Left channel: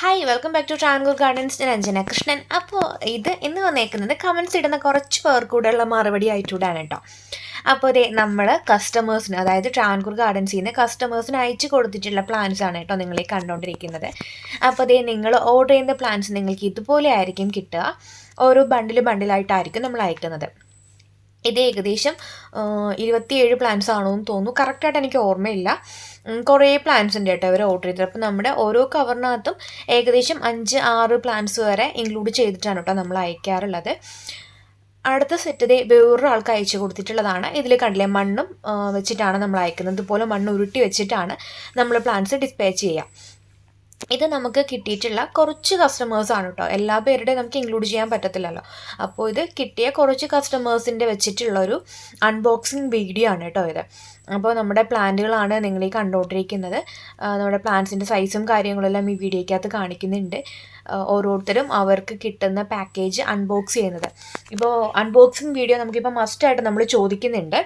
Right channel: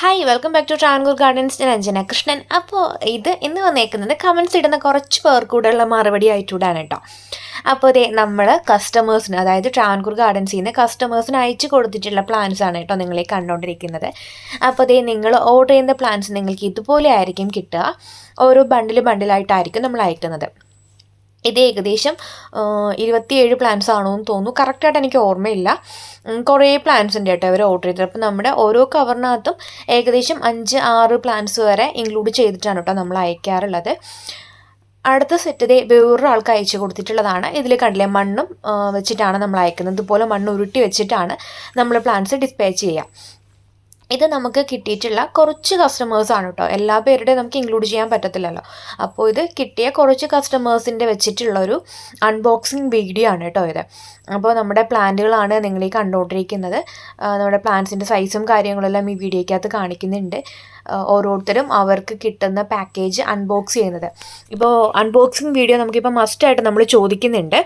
Hi welcome back to Travancore gardens ഞാൻ അഞ്ജന കൃഷ്ണൻ. അപ്പോൾ ഇത് ഇന്ന് വന്നേക്കുന്നത് കമൻസ് ഇടുന്ന കുറച്ച് പേർക്കൂടെയുള്ള മറുപടി ആയിട്ടൂടാണ് കേട്ടോ അപ്പോൾ അതെ നമ്മൾ കസ്റ്റമേഴ്സിന് അതായത് ട്രാൻകൂർ ഗാർഡൻസിൽ നിന്ന് കസ്റ്റമേഴ്സിന് അയച്ചു കൊടുത്തിട്ടുള്ള പ്ലാൻസ് ആണ് കേട്ടോ നിങ്ങളെ കണ്ടുകൊണ്ടിരിക്കുന്നത് അപ്പോൾ അതെ നിങ്ങൾ ഓർഡർ ചെയ്യുന്ന പ്ലാൻസ് നിങ്ങൾക്ക് ഇതുപോലെ ആയിരിക്കും കിട്ടുക. ഓരോ ബണ്ടിൽ ബണ്ടിലായിട്ടായിരിക്കും നമ്മൾ അയക്കുന്നത്. ഇത് ഏകദേശം ഇരുപത്തിയേഴ് പ്ലാൻസ് ആണോ എന്ന് തോന്നുന്നു കറക്റ്റായിട്ട് എനിക്ക് ഓർമ്മയില്ല. കുറേ പ്ലാൻസ് ഉണ്ട് കേട്ടോ അവർ ഓർഡർ ചെയ്തത്. അപ്പോൾ നമ്മുടെ ഓരോ കവറിനകത്തും ഏകദേശം അഞ്ച് ആറ് പ്ലാൻസ് വരെ ഇൻക്ലൂഡ് ചെയ്തിട്ടാണ് കേട്ടോ നമ്മൾ അയക്കാറുള്ളത്. അടുത്ത സെറ്റ് ഇതേ വേറൊരാൾക്ക് അയച്ചു കൊടുത്തിട്ടുള്ളതാണ്. ഇതിൽ കണ്ടില്ലേ മണ്ണും വെച്ചിട്ടാണ് നമ്മൾ അയക്കുന്നത്. ഇതുപോലെ മണ്ണ് ഉരുട്ടി വെച്ചിട്ടാണ് നമ്മൾ പ്ലാന്റ്സ് ഡിസ്പാച്ച് ചെയ്യുക ഇത് നമുക്ക് കിട്ടിയിട്ടുള്ള കുറച്ച് കസ്റ്റമേഴ്സാണ് കേട്ടോ എല്ലാ പേരുടെയും നമുക്ക് ഇൻക്ലൂഡ് ചെയ്യാൻ പറ്റത്തില്ലല്ലോ. അപ്പോൾ ഇത് കിട്ടിയ കുറച്ച് കസ്റ്റമേഴ്സിന്റെ വെച്ചിട്ടുള്ളൊരു അൺബോക്സിങ് വീഡിയോ ആണ് കേട്ടോ ഇത്. അപ്പോൾ നമ്മുടെ പ്ലാന്റുകളാണ് നിങ്ങൾ ഈ കണ്ടുകൊണ്ടിരിക്കുന്നത് നമ്മുടെ പ്ലാന്റ്സിന്റെ സൈസും കാര്യങ്ങളെല്ലാം ഈ വീഡിയോയ്ക്കകത്ത് കാണിക്കുന്നുണ്ട്. ഓരോരുത്തരും അവർക്ക് കിട്ടുന്ന പാക്കേജ് അൺബോക്സ് ചെയ്യുന്നത്. ഇപ്പോൾ അൺബോക്സിങ് വീഡിയോ നമുക്കിപ്പോൾ മസ്റ്റായിട്ട് നമ്മൾ ചോദിക്കുന്നുണ്ട്.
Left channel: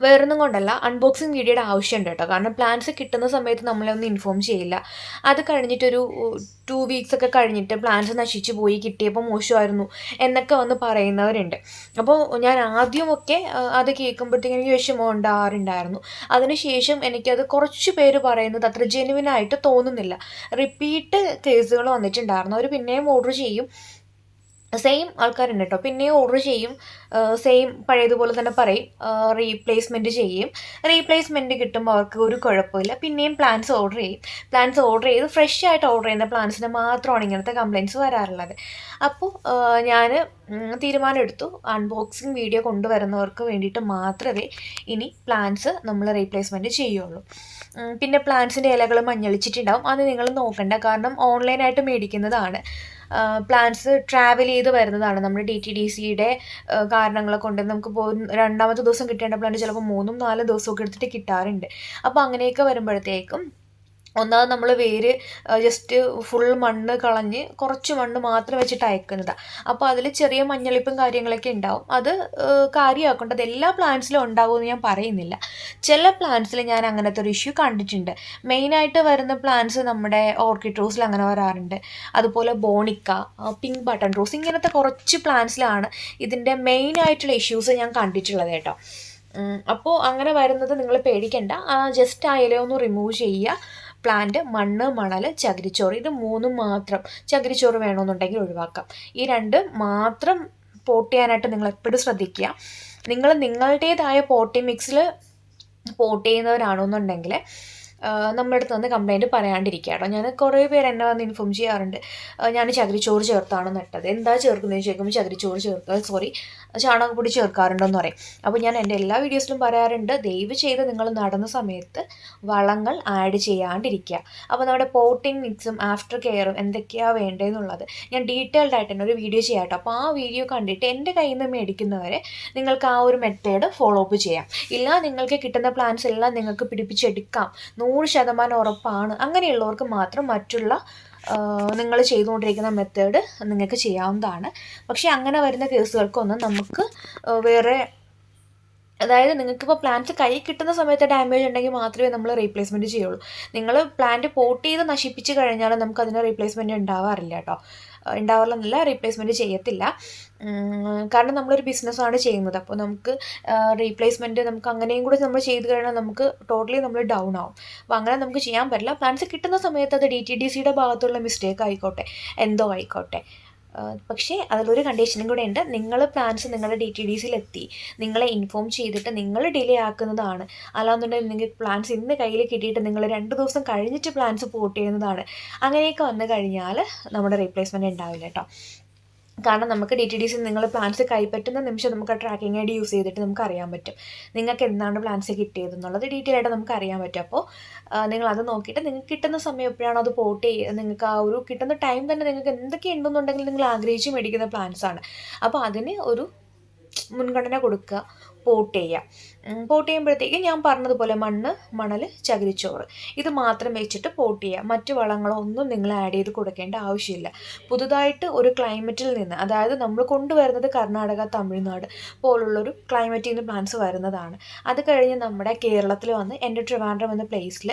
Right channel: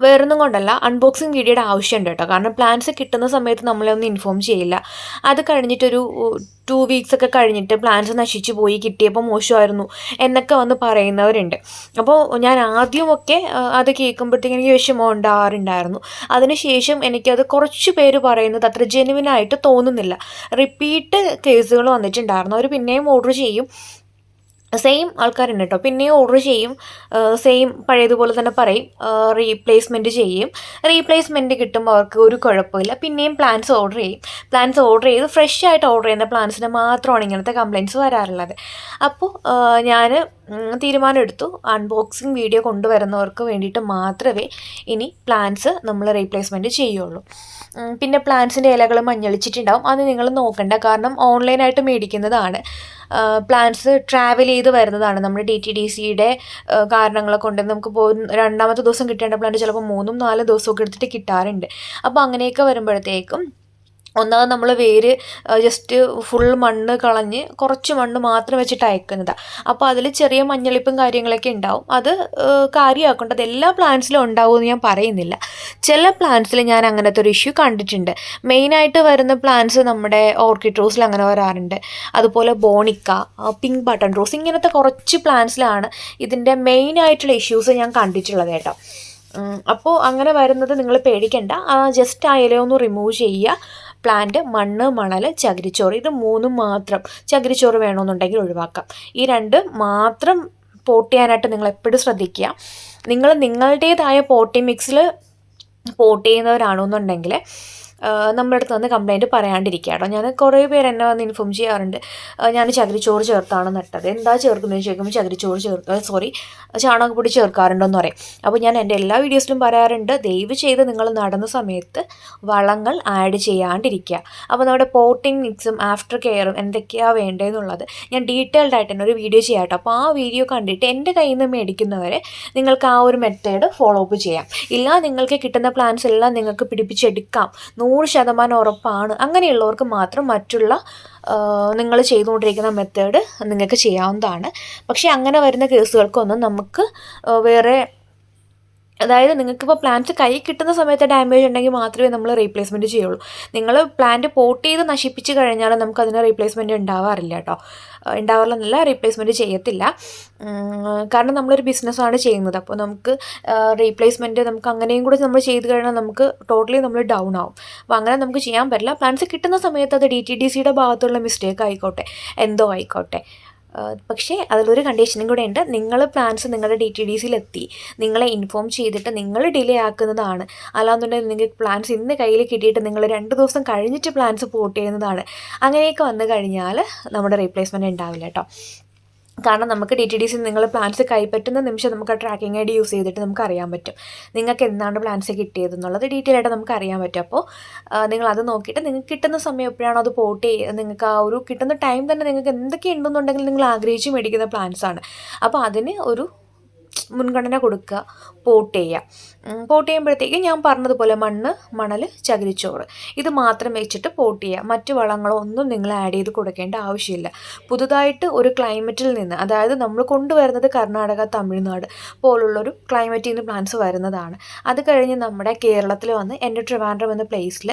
വേറൊന്നും കൊണ്ടല്ല അൺബോക്സിങ് വീഡിയോയുടെ ആവശ്യമുണ്ട് കേട്ടോ. കാരണം പ്ലാൻസ് കിട്ടുന്ന സമയത്ത് നമ്മളെ ഒന്ന് ഇൻഫോം ചെയ്യില്ല. അത് കഴിഞ്ഞിട്ടൊരു ടു വീക്സ് ഒക്കെ കഴിഞ്ഞിട്ട് പ്ലാൻസ് നശിച്ചു പോയി കിട്ടിയപ്പോൾ മോശമായിരുന്നു എന്നൊക്കെ വന്ന് പറയുന്നവരുണ്ട്. അപ്പോൾ ഞാൻ ആദ്യമൊക്കെ അത് കേൾക്കുമ്പോഴത്തേക്കും എനിക്ക് വിഷമം ഉണ്ടാവാറുണ്ടായിരുന്നു. അതിനുശേഷം എനിക്കത് കുറച്ച് പേര് പറയുന്നത് അത്ര ജെനുവിനായിട്ട് തോന്നുന്നില്ല. റിപ്പീറ്റ് കേസുകൾ വന്നിട്ടുണ്ടായിരുന്നു. അവർ പിന്നെയും ഓർഡർ ചെയ്യും. സെയിം ആൾക്കാരുണ്ട് കേട്ടോ പിന്നെയും ഓർഡർ ചെയ്യും. സെയിം പഴയതുപോലെ തന്നെ പറയും. റീപ്ലേസ്മെന്റ് ചെയ്യും. റീപ്ലേസ്മെന്റ് കിട്ടുമ്പോൾ അവർക്ക് ഒരു കുഴപ്പമില്ല. പിന്നെയും പ്ലാൻസ് ഓർഡർ ചെയ്യും. പ്ലാൻസ് ഓർഡർ ചെയ്ത് ഫ്രഷ് ആയിട്ട് ഓർഡർ ചെയ്യുന്ന പ്ലാൻസിന് മാത്രമാണ് ഇങ്ങനത്തെ കംപ്ലയിന്റ്സ് വരാറുള്ളത്. അപ്പോൾ ഞാൻ തീരുമാനമെടുത്തു. അൺബോക്സിങ് വീഡിയോ കൊണ്ടുവരുന്നവർക്ക് വേണ്ടിയിട്ട് മാത്രമേ ഇനി പ്ലാൻസ് നമ്മൾ റീപ്ലേസ്മെന്റ് ചെയ്യുള്ളൂ. പിന്നെ പ്ലാൻസിന്റെ ഇലകൾ മഞ്ഞളിച്ചിട്ടുണ്ടാവും. അത് നിങ്ങൾ നോക്കണ്ട. കാരണം ഓൺലൈനായിട്ട് മേടിക്കുന്നതാണ്. പ്ലാന്റ്സ് ട്രാവൽ ചെയ്ത് വരുന്നതാണ്. നമ്മുടെ ഡി ടി ഡി സിയുടെ കാരണങ്ങളെ കൊണ്ട് നമുക്ക് പോകുന്ന രണ്ടാമത്തെ ദിവസം കിട്ടേണ്ട പ്ലാന്റ് ചിലപ്പോൾ മൂന്നും നാലും ദിവസമൊക്കെ എടുത്തിട്ട് കിട്ടാറുണ്ട്. അപ്പോൾ അങ്ങനെയൊക്കെ വരുമ്പോഴത്തേക്കും ഒന്നാമത് നമ്മൾ വേര് ജസ്റ്റ് ഫുൾ മണ്ണ് കളഞ്ഞ് കുറച്ച് മണ്ണ് മാത്രം വെച്ചിട്ട് അയക്കുന്നതാണ് അപ്പോൾ അതിൽ ചെറിയ മഞ്ഞളിപ്പും കാര്യങ്ങളൊക്കെ ഉണ്ടാവും. അത് കാര്യമാക്കേണ്ടത് എല്ലാ പ്ലാന്റ്സിലും ഉണ്ടാവുമെന്ന് ഞാൻ പറയുന്നില്ല. ചില പ്ലാന്റ്സിൽ ഞാൻ അങ്ങനത്തെ ഒരു ഇഷ്യൂ കണ്ടിട്ടുണ്ട്. മെയിനായിട്ട് വരുന്ന പ്ലാന്റ്സ് നമ്മുടെ ഓർക്കിഡ് റോസിൽ അങ്ങനെ വരാറുണ്ട്. അതുപോലെ ബോണിക്ക പിങ്ക് ബട്ടൺ റോസ് ഇങ്ങനത്തെ കുറച്ച് പ്ലാന്റ്സിലാണ് ഇതിന്റെ മെയിനായിട്ടുള്ള ഇഷ്യൂസ് ഞാൻ കണ്ടിട്ടുള്ളത് കേട്ടോ. അപ്പോൾ അങ്ങനെ വരുന്നത് നിങ്ങൾ പേടിക്കണ്ട. ജസ്റ്റ് ആ ഇലയൊന്ന് റിമൂവ് ചെയ്യുക. പ്ലാന്റ് മണ്ണ് മണൽ ചകിരിച്ചോറ്. ഇത് മൂന്നും മാത്രം ചകിരിച്ചോറ് വേണമെന്നുണ്ടെങ്കിൽ ഒഴിവാക്കാം. ഈ രണ്ട് മാത്രം പോട്ട് ചെയ്യാനായിട്ട് നിങ്ങൾ എപ്പോഴും ശ്രദ്ധിക്കുക. നിങ്ങൾ നിങ്ങളുടേതായ പോട്ടി മിക്സിൽ പോട്ട് ചെയ്യുന്നവരാണെന്നുണ്ടെങ്കിൽ നമ്മുടെ അടുത്ത് വന്ന് കംപ്ലയിന്റ് പറയാണ്ടിരിക്കുക കേട്ടോ ഞാൻ കുറേ പേര് എന്നെ വന്ന് ഇൻഫോം ചെയ്യാറുണ്ട്. ഞാൻ ചകിരിച്ചോറ് ചേർത്താണ് നട്ടത്. എന്താ ചേർക്കുന്നത് ചോദിക്കുമ്പോൾ ചകിരിച്ചോറ് ചേർക്കുക സോറി ചാണകപ്പൊടി ചേർക്കാറുണ്ടെന്ന് പറയും. അപ്പോൾ ഞാൻ എന്റെ എല്ലാ വീഡിയോസിലും പറയാറുണ്ട് ദയവ് ചെയ്ത് നിങ്ങൾ നടന്ന സമയത്ത് വളങ്ങൾ ആഡ് ചെയ്യാണ്ടിരിക്കുക. അപ്പോൾ നമ്മുടെ പോട്ടിംഗ് മിക്സും ആഫ്റ്റർ കെയറും എന്തൊക്കെയാണ് വേണ്ടതെന്നുള്ളത് ഞാൻ ഡീറ്റെയിൽഡ് ആയിട്ട് തന്നെ ഒരു വീഡിയോ ചെയ്യാം കേട്ടോ അപ്പോൾ ആ വീഡിയോ കണ്ടിട്ട് എന്റെ കയ്യിൽ നിന്ന് മേടിക്കുന്നവരെ നിങ്ങൾക്ക് ആ ഒരു മെത്തേഡ് ഫോളോ അപ്പ് ചെയ്യാം. ഇല്ല നിങ്ങൾക്ക് കിട്ടുന്ന പ്ലാൻസ് എല്ലാം നിങ്ങൾക്ക് പിടിപ്പിച്ചെടുക്കാം. ശതമാനം ഉറപ്പാണ്. അങ്ങനെയുള്ളവർക്ക് മാത്രം മറ്റുള്ള നിങ്ങൾ ചെയ്തുകൊണ്ടിരിക്കുന്ന മെത്തേഡ് നിങ്ങൾക്ക് ചെയ്യാവുന്നതാണ്. പക്ഷേ അങ്ങനെ വരുന്ന കേസുകൾക്കൊന്നും നമുക്ക് വേറെ അതായത് നിങ്ങൾക്കിപ്പോൾ പ്ലാന്റ് കൈ കിട്ടുന്ന സമയത്ത് ഡാമേജ് ഉണ്ടെങ്കിൽ മാത്രമേ നമ്മൾ റീപ്ലേസ്മെന്റ് ചെയ്യുള്ളൂ. നിങ്ങൾ പ്ലാന്റ് പോട്ട് ചെയ്ത് നശിപ്പിച്ച് കഴിഞ്ഞാൽ നമുക്ക് അതിന് റീപ്ലേസ്മെന്റ് ഉണ്ടാവാറില്ല കേട്ടോ. ഉണ്ടാവാറില്ലെന്നല്ല റീപ്ലേസ്മെന്റ് ചെയ്യത്തില്ല. കാരണം നമ്മളൊരു ബിസിനസ്സാണ് ചെയ്യുന്നത്. അപ്പോൾ നമുക്ക് റീപ്ലേസ്മെന്റ് നമുക്ക് അങ്ങനെയും കൂടി നമ്മൾ ചെയ്ത് കഴിഞ്ഞാൽ നമുക്ക് ടോട്ടലി നമ്മൾ ഡൗൺ ആവും. അപ്പോൾ അങ്ങനെ നമുക്ക് ചെയ്യാൻ പറ്റില്ല. പ്ലാൻസ് കിട്ടുന്ന സമയത്ത് അത് ഡി ടി ഡി സിയുടെ ഭാഗത്തുള്ള മിസ്റ്റേക്ക് ആയിക്കോട്ടെ. എന്തോ ആയിക്കോട്ടെ. പക്ഷേ അതിലൊരു കണ്ടീഷനും കൂടെ ഉണ്ട്. നിങ്ങൾ പ്ലാൻസ് നിങ്ങളുടെ ഡി ടി ഡി സിയിലെത്തി നിങ്ങളെ ഇൻഫോം ചെയ്തിട്ട് നിങ്ങൾ ഡിലേ ആക്കുന്നതാണ്. അല്ലാന്നുണ്ടെങ്കിൽ നിങ്ങൾക്ക് പ്ലാൻസ് ഇന്ന് കയ്യിൽ കിട്ടിയിട്ട് നിങ്ങൾ രണ്ട് ദിവസം കഴിഞ്ഞിട്ട് പ്ലാൻസ് പോട്ട് ചെയ്യുന്നതാണ്. അങ്ങനെയൊക്കെ വന്നു കഴിഞ്ഞാൽ നമ്മുടെ റീപ്ലേസ്മെന്റ് ഉണ്ടാവില്ല കേട്ടോ കാരണം നമുക്ക് ഡി ടി ഡി സി നിങ്ങൾ പ്ലാൻസ് കൈപ്പറ്റുന്ന നിമിഷം നമുക്ക് ട്രാക്കിംഗ് ഐ ഡി യൂസ് ചെയ്തിട്ട് നമുക്ക് അറിയാൻ പറ്റും. നിങ്ങൾക്ക് എന്താണ് പ്ലാൻസ് കിട്ടിയത് എന്നുള്ളത് ഡീറ്റെയിൽ ആയിട്ട് നമുക്ക് അറിയാൻ പറ്റും. അപ്പോൾ നിങ്ങൾ അത് നോക്കിയിട്ട് നിങ്ങൾക്ക് കിട്ടുന്ന സമയം എപ്പോഴാണോ അത് പോട്ട് ചെയ്യുക നിങ്ങൾക്ക് ആ ഒരു കിട്ടുന്ന ടൈം തന്നെ നിങ്ങൾക്ക് എന്തൊക്കെ ഉണ്ടെന്നുണ്ടെങ്കിൽ നിങ്ങൾ ആഗ്രഹിച്ച് മേടിക്കുന്ന പ്ലാൻസ് ആണ്. അപ്പോൾ അതിന് ഒരു മുൻഗണന കൊടുക്കുക. പോട്ട് ചെയ്യുക പോട്ട് ചെയ്യുമ്പോഴത്തേക്ക് ഞാൻ പറഞ്ഞതുപോലെ മണ്ണ് മണൽ ചകിരിച്ചോറ്. ഇത് മാത്രം വെച്ചിട്ട് പോട്ട് ചെയ്യുക മറ്റു വളങ്ങളോ ഒന്നും നിങ്ങൾ ആഡ് ചെയ്ത് കൊടുക്കേണ്ട ആവശ്യമില്ല. പുതുതായിട്ട് ഒരു ക്ലൈമറ്റിൽ നിന്ന് അതായത് നമ്മൾ കൊണ്ടുവരുന്നത് കർണാടക തമിഴ്നാട് പോലുള്ളൊരു ക്ലൈമറ്റിൽ നിന്ന് പ്ലാന്റ്സ് വരുന്നതാണ്. അത് കഴിഞ്ഞ് നമ്മുടെ കേരളത്തിൽ വന്ന് എന്റെ ട്രിവാൻഡ്രം എന്ന പ്ലേസിൽ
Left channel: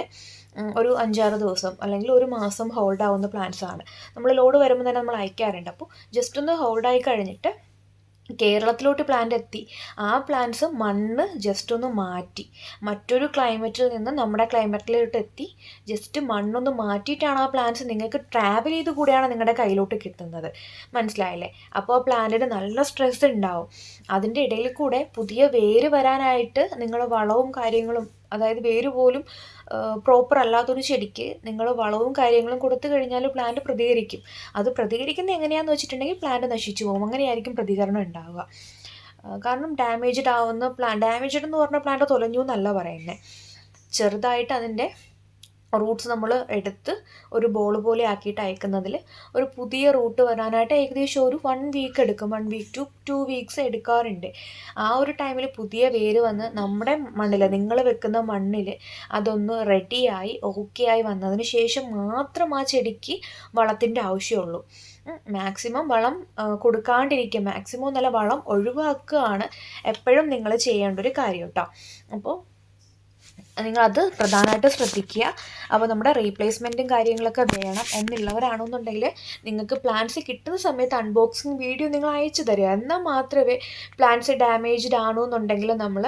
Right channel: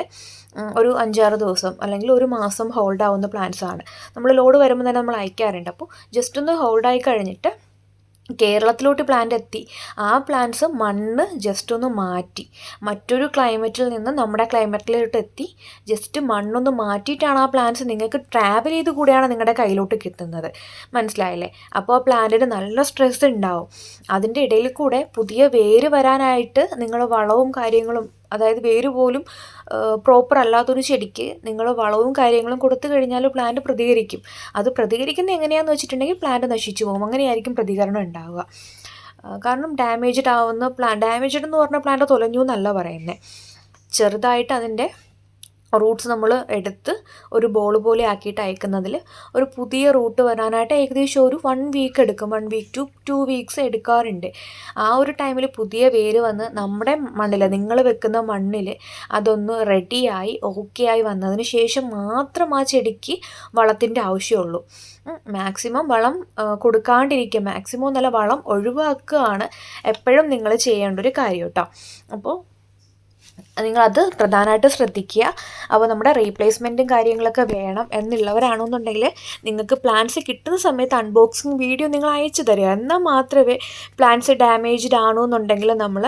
ഒരു അഞ്ചാറ് ദിവസം അല്ലെങ്കിൽ ഒരു മാസം ഹോൾഡ് ആവുന്ന പ്ലാന്റ്സ് ആണ്. നമ്മൾ ലോഡ് വരുമ്പോൾ തന്നെ നമ്മൾ അയക്കാറുണ്ട്. അപ്പോൾ ജസ്റ്റ് ഒന്ന് ഹോൾഡായി കഴിഞ്ഞിട്ട് കേരളത്തിലോട്ട് പ്ലാന്റ് എത്തി. ആ പ്ലാന്റ്സ് മണ്ണ് ജസ്റ്റ് ഒന്ന് മാറ്റി. മറ്റൊരു ക്ലൈമറ്റിൽ നിന്ന് നമ്മുടെ ക്ലൈമറ്റിലോട്ട് എത്തി. ജസ്റ്റ് മണ്ണൊന്ന് മാറ്റിയിട്ടാണ് ആ പ്ലാന്റ്സ് നിങ്ങൾക്ക് ട്രാവൽ ചെയ്ത് കൂടെയാണ് നിങ്ങളുടെ കയ്യിലോട്ട് കിട്ടുന്നത്. മനസ്സിലായില്ലേ? അപ്പോൾ ആ പ്ലാന്റിന് നല്ല സ്ട്രെസ് ഉണ്ടാവും. അതിന്റെ ഇടയിൽ കൂടെ പുതിയ വേര് വരാനായിട്ട് നിങ്ങൾ വളവും കാര്യങ്ങളും അതായത് വേര് പോലും പ്രോപ്പർ അല്ലാത്തൊരു ചെടിക്ക് നിങ്ങൾ വളവും കാര്യങ്ങളും കൊടുത്തു കഴിഞ്ഞാൽ പ്ലാന്റ് പ്രതികരിക്കും. അത് പ്രതികരിക്കുന്നത് എങ്ങനെയാണെന്ന് വെച്ചിട്ടുണ്ടെങ്കിൽ പ്ലാന്റ് നശിച്ചു പോകും. അങ്ങനെയായിരിക്കും പ്രതികരണം ഉണ്ടാവുക. കാരണം ഡാമേജ്ഡ് ആവുന്ന പ്ലാൻ ഡാമേജ്ഡ് എന്ന് പറഞ്ഞ പ്ലാന്റ് തൊലഞ്ഞു എന്നല്ല പറയുന്നത് ചെറുതായിട്ട് അതിന്റെ റൂട്ട്സ് നമ്മൾ എടുത്ത് ഒരു ബോൾ പോലെ ആക്കിയിട്ട് അയക്കുന്നതിൽ ഒരു പുതിയ റൂട്ട് വരാനായിട്ട് ഏകദേശം ഒരു വൺ വീക്ക് എടുക്കും. One week to two weeks എടുക്കാറുണ്ട്. ആ ഒരു ടൈമിൽ പുതിയ വേര് വന്ന് നമ്മുടെ മണ്ണിൽ നിങ്ങൾ വെക്കുന്ന മണ്ണിൽ അതൊന്ന് റെഡിയായി ഓക്കെ ആയി വന്നതിന് ശേഷം മാത്രം ആ ചെടിക്ക് വളത്തിന്റെ ആവശ്യമുള്ളൂ. മാക്സിമം വളം കൊടുക്കാണ്ടിരിക്കുക. മാക്സിമം നല്ല വളം ഒഴിവാക്കുകയാണ് എപ്പോഴും നിങ്ങൾ ചെയ്യേണ്ട ഒരു കാര്യം കേട്ടോ. അപ്പോൾ നിങ്ങളത് പ്രധാനമായിട്ട് ശ്രദ്ധിക്കുക. അപ്പോൾ നമ്മുടെ റീപ്ലേസ്മെന്റും കാര്യങ്ങളൊക്കെ വേണം എന്നുള്ളവരാണെന്നുണ്ടെങ്കിൽ നിങ്ങൾക്ക് പ്ലാൻസ് കിട്ടുന്ന സമയത്ത് അൺബോക്സിങ് വീഡിയോ നിങ്ങൾ അയച്ചു തരിക. എന്നാൽ മാത്രമേ പ്ലാൻസ് ഡാമേജ്ഡ് ആണോ എന്നുണ്ടെങ്കിൽ നമ്മൾ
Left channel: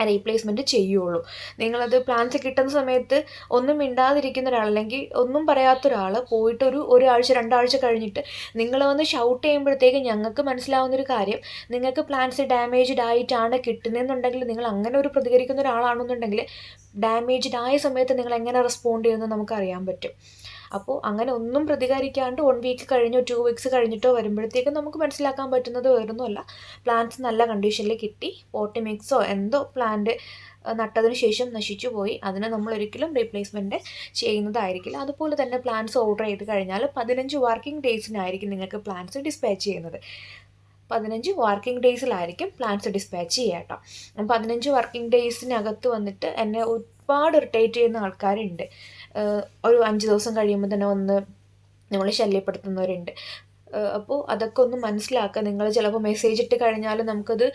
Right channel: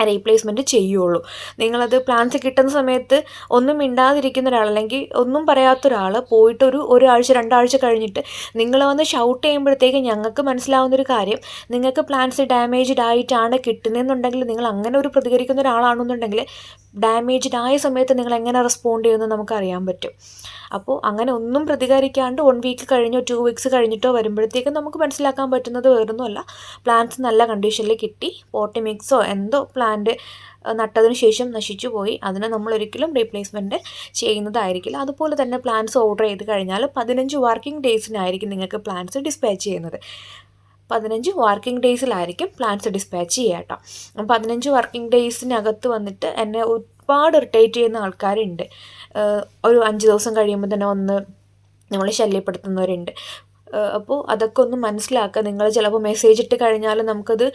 റീപ്ലേസ്മെന്റ് ചെയ്യുള്ളൂ. നിങ്ങളത് പ്ലാൻസ് കിട്ടുന്ന സമയത്ത് ഒന്നും മിണ്ടാതിരിക്കുന്ന ഒരാൾ അല്ലെങ്കിൽ ഒന്നും പറയാത്ത ഒരാൾ പോയിട്ടൊരു ഒരാഴ്ച രണ്ടാഴ്ച കഴിഞ്ഞിട്ട് നിങ്ങൾ വന്ന് ഷൗട്ട് ചെയ്യുമ്പോഴത്തേക്ക് ഞങ്ങൾക്ക് മനസ്സിലാവുന്നൊരു കാര്യം നിങ്ങൾക്ക് പ്ലാൻസ് ഡാമേജ്ഡ് ആയിട്ടാണ് കിട്ടുന്നതെന്നുണ്ടെങ്കിൽ നിങ്ങൾ അങ്ങനെ ഒരു പ്രതികരിക്കുന്ന ഒരാളാണെന്നുണ്ടെങ്കിൽ ഡാമേജ്ഡ് ആയ സമയത്ത് നിങ്ങൾ എങ്ങനെ റെസ്പോണ്ട് ചെയ്യുമെന്ന് നമുക്കറിയാൻ പറ്റും. അപ്പോൾ അങ്ങനെ ഒന്നും പ്രതികരിക്കാണ്ട് വൺ വീക്ക് കഴിഞ്ഞോ ടു വീക്സ് കഴിഞ്ഞിട്ടോ വരുമ്പോഴത്തേക്കും നമുക്ക് മനസ്സിലാക്കാൻ പറ്റുന്നത് വേറൊന്നുമല്ല. പ്ലാന്റ്സ് നല്ല കണ്ടീഷനിൽ കിട്ടി. പോട്ടി മിക്സോ എന്തോ പ്ലാന്റ് നട്ടതിന് ശേഷം നശിച്ചു പോയി. അതിന് നമ്മൾ ഒരിക്കലും റീപ്ലേസ്മെന്റ് ചെയ്യുന്നതായിരിക്കില്ല. അതുപോലെ തന്നെ പ്ലാന്റ്സ് ഓർഡർ ചെയ്ത് കഴിഞ്ഞാൽ പതിനഞ്ച് വർക്കിംഗ് ഡേയ്സിനായിരിക്കും നിങ്ങൾക്ക് പ്ലാന്റ്സ് ഡിസ്പാച്ച് ചെയ്യുന്നത്. പതിനഞ്ച് വർക്കിംഗ് ഡേയ്സിലായിരിക്കും പ്ലാൻസ് ഡിസ്പാച്ച് ചെയ്യുക കേട്ടോ. പതിനഞ്ച് വർക്കിംഗ് ഡേയ്സിനകത്ത് വന്നിട്ട് എന്നെ ഒരുപാട് ഇറിറ്റേറ്റ് ചെയ്യുന്ന ആൾക്കാരുണ്ട്. ഒരു അഞ്ച് ദിവസം കഴിയുമ്പോൾ തന്നെ ഒന്ന് നമ്മളെ ശല്യപ്പെടുത്തുന്നവരുണ്ട്. അപ്പോൾ അതൊക്കെ ഒന്ന് മനസ്സിലാക്കുക. നിങ്ങൾ ചിലപ്പോൾ മെസ്സേജ് ഇട്ട് കഴിഞ്ഞാൽ നമുക്കത്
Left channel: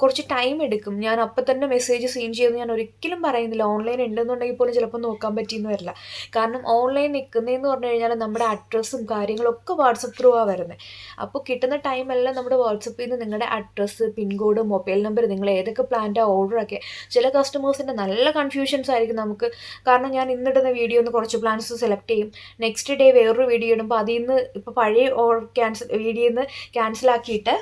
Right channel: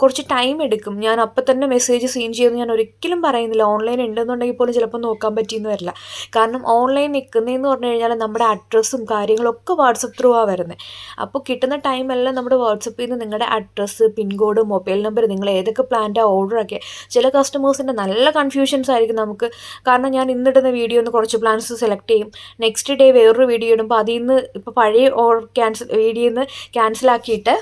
കുറച്ച് ടൈം എടുക്കും. ഞാൻ അപ്പം തന്നെ മെസ്സേജ് സീൻ ചെയ്യുമെന്ന് ഞാൻ ഒരിക്കലും പറയുന്നില്ല ഓൺലൈൻ ഉണ്ടെന്നുണ്ടെങ്കിൽ പോലും ചിലപ്പോൾ നോക്കാൻ പറ്റിയെന്ന് വരില്ല. കാരണം ഓൺലൈൻ നിൽക്കുന്നതെന്ന് പറഞ്ഞു കഴിഞ്ഞാൽ നമ്മുടെ അഡ്രസ്സും കാര്യങ്ങളൊക്കെ വാട്സപ്പ് ത്രൂ ആ വരുന്നത് അപ്പോൾ കിട്ടുന്ന ടൈമെല്ലാം നമ്മുടെ വാട്സപ്പിൽ നിന്ന് നിങ്ങളുടെ അഡ്രസ്സ് പിൻകോഡ് മൊബൈൽ നമ്പർ നിങ്ങൾ ഏതൊക്കെ പ്ലാന്റെ ഓർഡർ ഒക്കെ ചില കസ്റ്റമേഴ്സിന്റെ നല്ല കൺഫ്യൂഷൻസ് ആയിരിക്കും നമുക്ക്. കാരണം ഞാൻ ഇന്നിടുന്ന വീഡിയോ ഒന്ന് കുറച്ച് പ്ലാൻസ് സെലക്ട് ചെയ്യും. നെക്സ്റ്റ് ഡേ വേറൊരു വീഡിയോ ഇടുമ്പോൾ അതിൽ നിന്ന് ഇപ്പോൾ പഴയ ഓർ ക്യാൻസൽ വീഡിയോയിൽ നിന്ന് ക്യാൻസലാക്കിയിട്ട്